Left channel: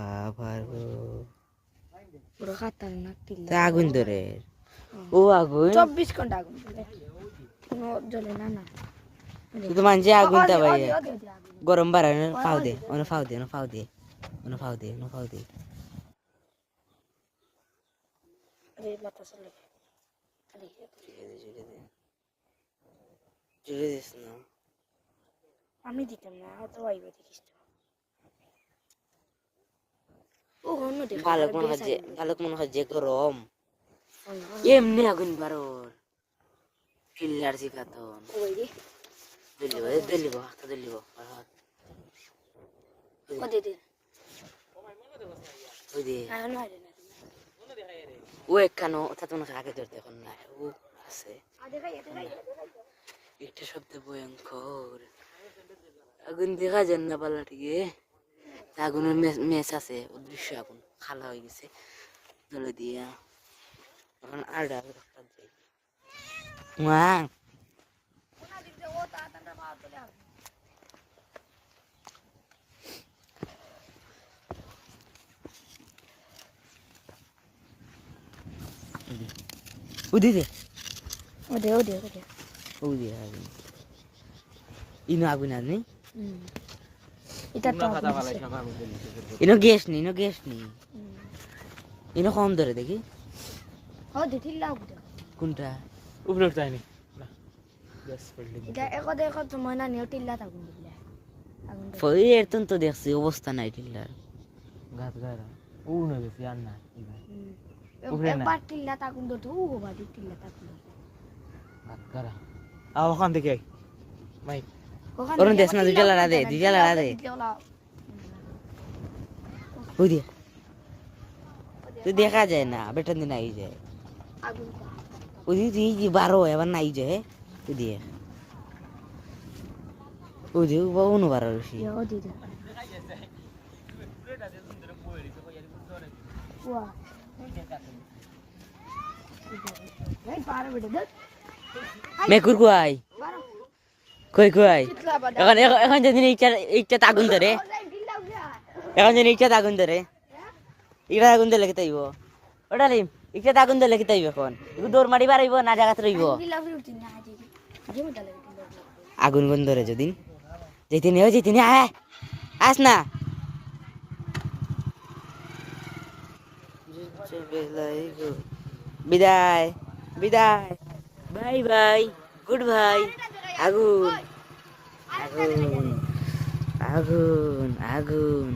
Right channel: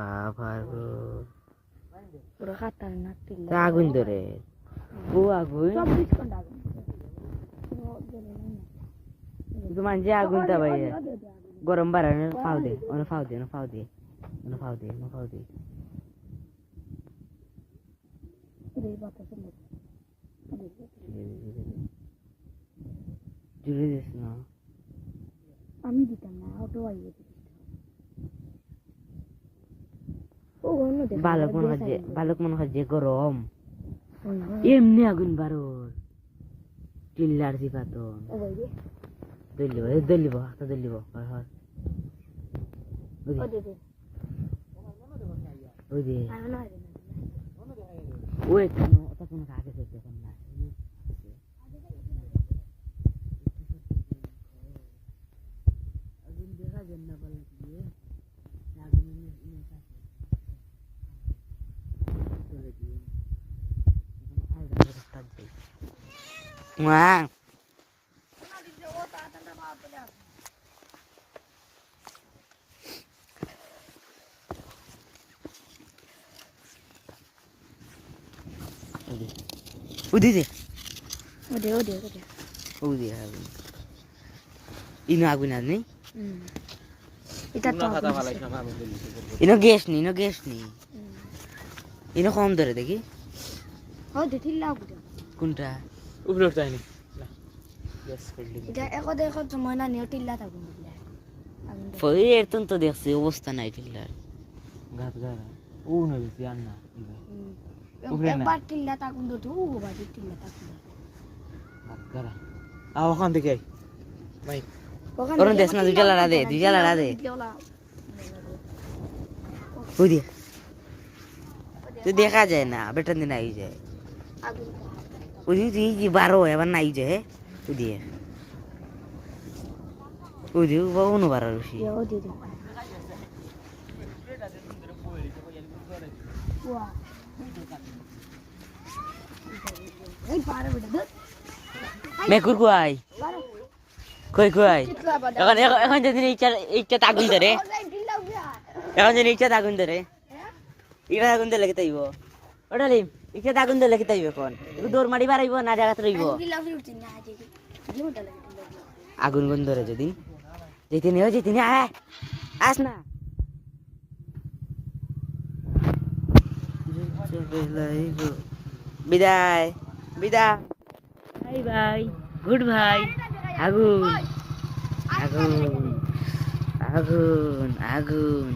আবার পুরো খাতারনাক টিল্লা আগুন ধরে ও আগুন 24 ঘন্টা আগুন কোনো জ্বলে না না তুই তো মানছি আগুন তা ভাই গরম বাড়ানো ফাও দে অন ফাও দে রে বাতাস লাগে জুড়ে দিস না আমি দিতাম না তো আইবে দেখিস তো ও অন্য দেখ বালক মনে হয় যে গরম এমনি আগুন বারোর টিল্লার জিপাতন ও ভাই রে দলিব হাতে দলিব ও দে দে ওই দে না না না ও একখানো তাতন আগে ধরতে এখন না ও আছে এটা শব্দ ভয়ঙ্কর আগুন দেখা যান না পাল্লাটিকে আগুনের মেস আছে অদৃশ্য আগুন খালা হয়ে গেছে ধরে দিয়া এখন আর মা উদি দে ও দে উদি আগুন ইনো আগুন আর নেই এটা তো ইনো গ্যাস নি ইনো কম ধরে দেখি ও দে টিল্লা বুঝা কোনটা উপরে উঠাই নি এটা একো সময় না নিও টিল্লা আগুন দিলে আগুন ফই এর তো দেখছি অবস্থা নাই টিল্লার গাত গারা ও না বেশি আর না একবার টিল্লা আগুন ধরতে ও বাড়ি টিল্লা আগুন গাত গারা আ ওখান থেকে মাই ওরম দেশ না দুইটা লড়া দে ওই দে তুই দেখা যায় না বেটার দিন আই যায় আগুন ওই তুই বারো এবার নাই যায় ওই দিয়ে বাবু বারো বেশি ও দে দে ওয়া এই পারে বেটা দে মেকুর কুয়াই কই এখন যদি একটা আগুন ধরে আগুন ধরে এটা আগুন দিলে কে তাইব ওটা লিম একটা আগুন দিলে কে তাইব এখন দৌড় মারি বাড়াইব না জায়গাতে রইব আগুন বন্ধ ধরে যদি যেদিন আস না বিদায় বাই গুড ভাই আগুন